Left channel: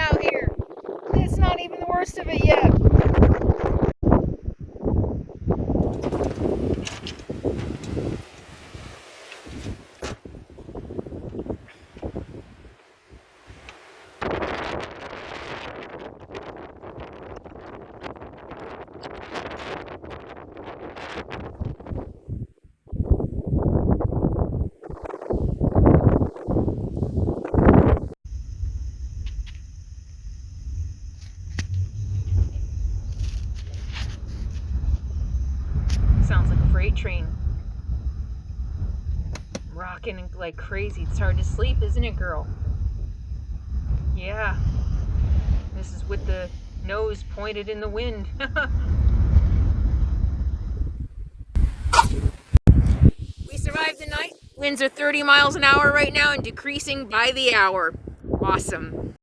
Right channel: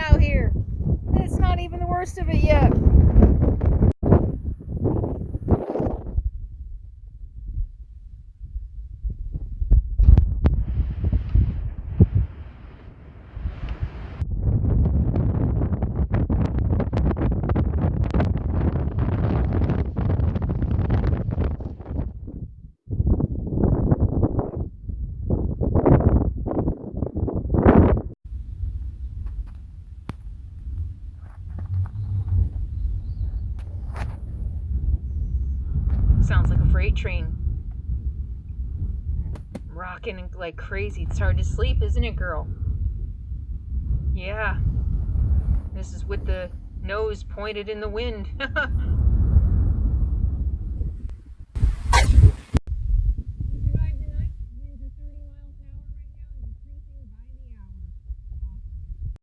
out here. It's not even the worst of it yet. Sounds like a freight train. Rocking like crazy. It's hard to sleep, isn't it, girl? Yeah. This is with the nose pointed in the wind. We survived the night. Winds are 30 miles an hour right now and decreasing by the hour. Awesome.